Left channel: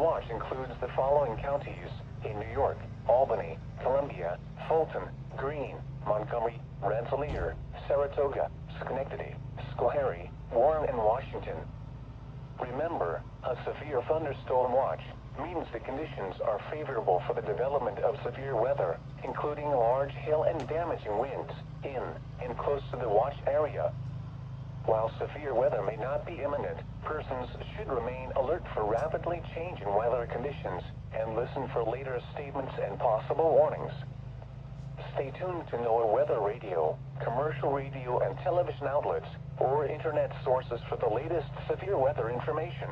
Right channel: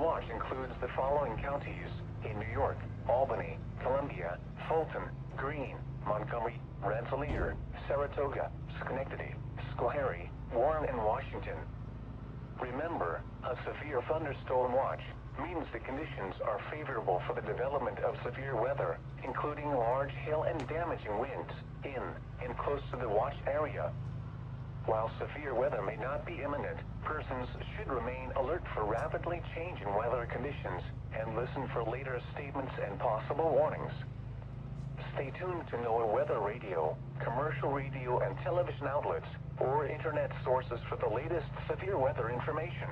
watch includes the following counties in New York: Albany, Columbia, Fulton, Greene, Montgomery, Rensselaer, Saratoga, Schenectady, Schoharie, Warren, and Washington. Remember, a severe thunderstorm watch means the conditions are favorable for the development of severe weather, including large hail and damaging winds in and close to the watch area. While severe weather may not be imminent, persons should remain alert for rapidly changing weather conditions and listen for later statements and possible warnings. Stay tuned to NOAA weather radio, commercial radio and television outlets, or internet sources for the latest severe weather information.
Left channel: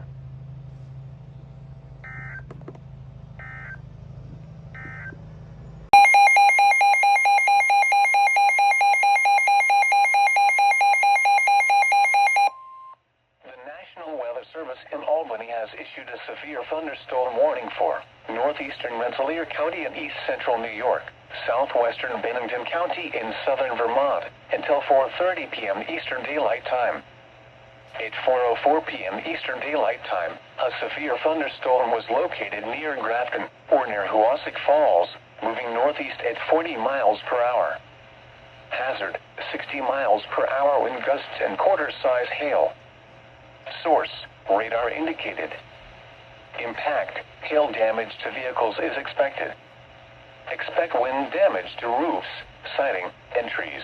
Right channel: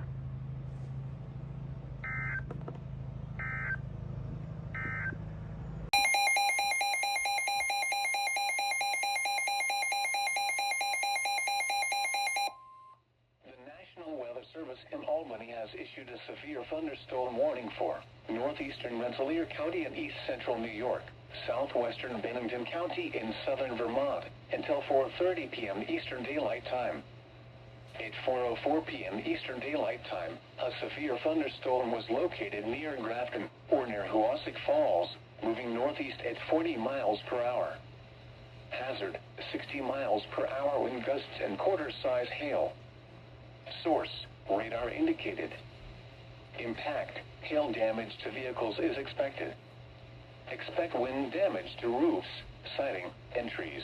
Service in Albany has issued a severe thunderstorm warning for northeastern Rensselaer County and east central New York, southwestern Bennington County in southern Vermont until 4:30 p.m. Eastern Daylight Time. At 4:04 p.m. Eastern Daylight Time, a severe thunderstorm was located near Grafton or near Hoosick Falls, moving northeast at 40 miles per hour. Hazard: 60 miles per hour wind gusts and quarter-size hail. Source: radar indicated. Impact: hail damage to vehicles is expected. Expect wind damage to roofs, siding, and trees.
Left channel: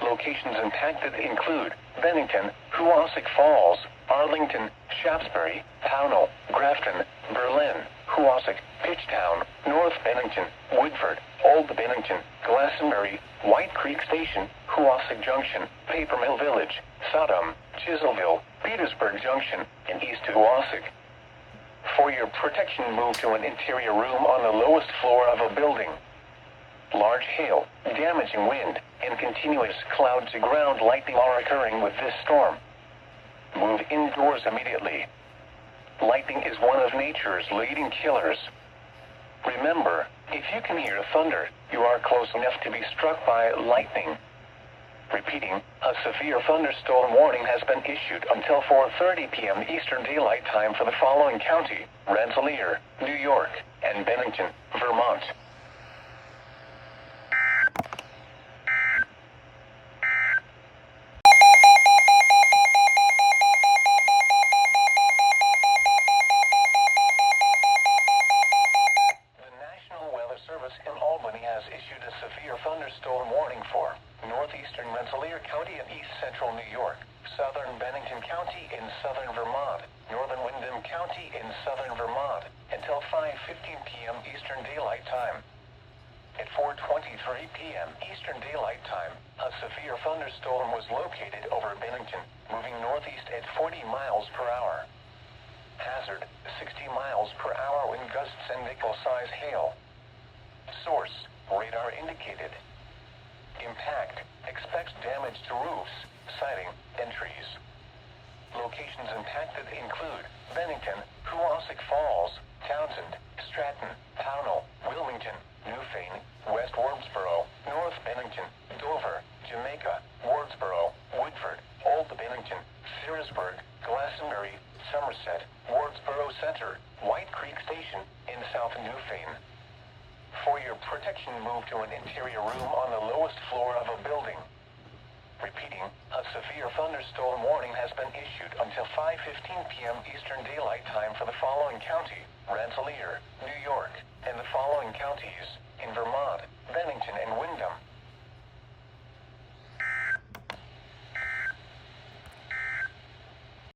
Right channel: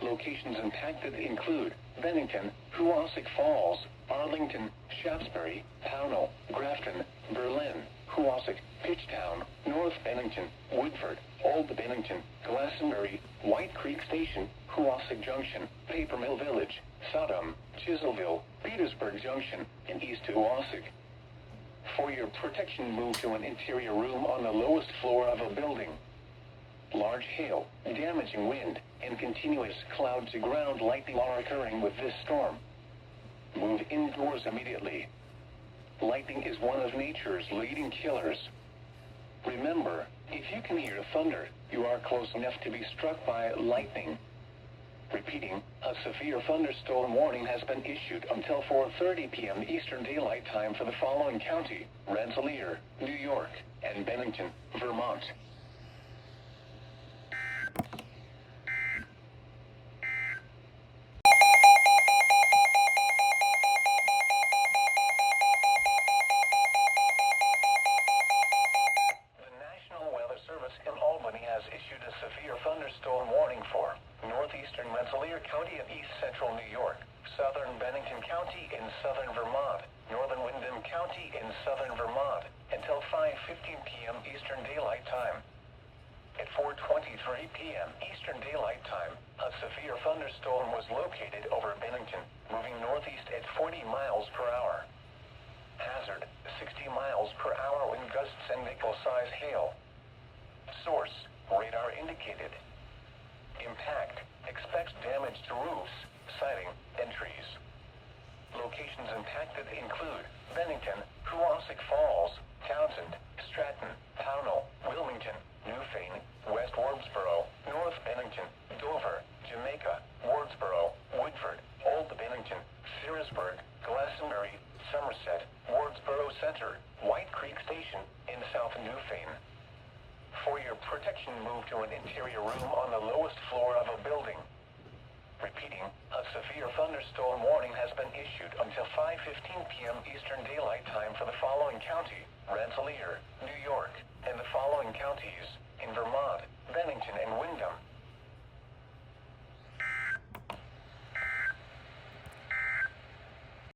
Locations impacted include Bennington, Hoosick Falls, Arlington, Shaftesbury, Pownell, Grafton, Berlin, Hoosick, Pitchtown, North Bennington, Woodford, Old Bennington, Glastonbury, White Creek Station, Hoosick Junction, Paper Mill Village, Sodom, Chiselville, Petersburg Junction, and East Hoosick. For your protection, move to an interior room on the lowest floor of a building. Large hail, damaging wind, and continuous cloud-to-ground lightning are occurring with this storm. Move indoors immediately. Lightning is one of nature's leading killers. Remember, if you can hear thunder, you are close enough to be struck by lightning. Repeating, a severe thunderstorm warning has been issued until 4:30 p.m. Eastern Daylight Time for the following county: Rensselaer, New York, and Bennington, Vermont. In Albany has issued a severe thunderstorm warning for northeastern Rensselaer County and east central New York, southern Bennington County in southern Vermont, northern Windham County in southern Vermont, until 5:15 p.m. Eastern Daylight Time. At 4:23 p.m. Eastern Daylight Time, a severe thunderstorm was located over Bennington, moving northeast at 40 miles per hour. Hazard: 60 miles per hour wind gusts and nickel-size hail. Source: radar indicated. Impact: expect damage to roofs, siding, and trees. Locations impacted include Bennington, Hoosick Falls, Townsend, Stratton, Pownell, Wilmington, Newfane, West Wardsboro, North Bennington, Dover, Jamaica, Wardsboro, Woodford, Old Bennington, Searsburg, Glastonbury, Somerset, Wardsboro Center, White Creek Station, in South Newfane. For your protection, move to an interior room on the lowest floor of a building. Repeating, a severe thunderstorm warning has been issued until 5:15 p.m. Eastern Daylight Time for the following county: Rensselaer, New York, and the following counties in Vermont: Bennington,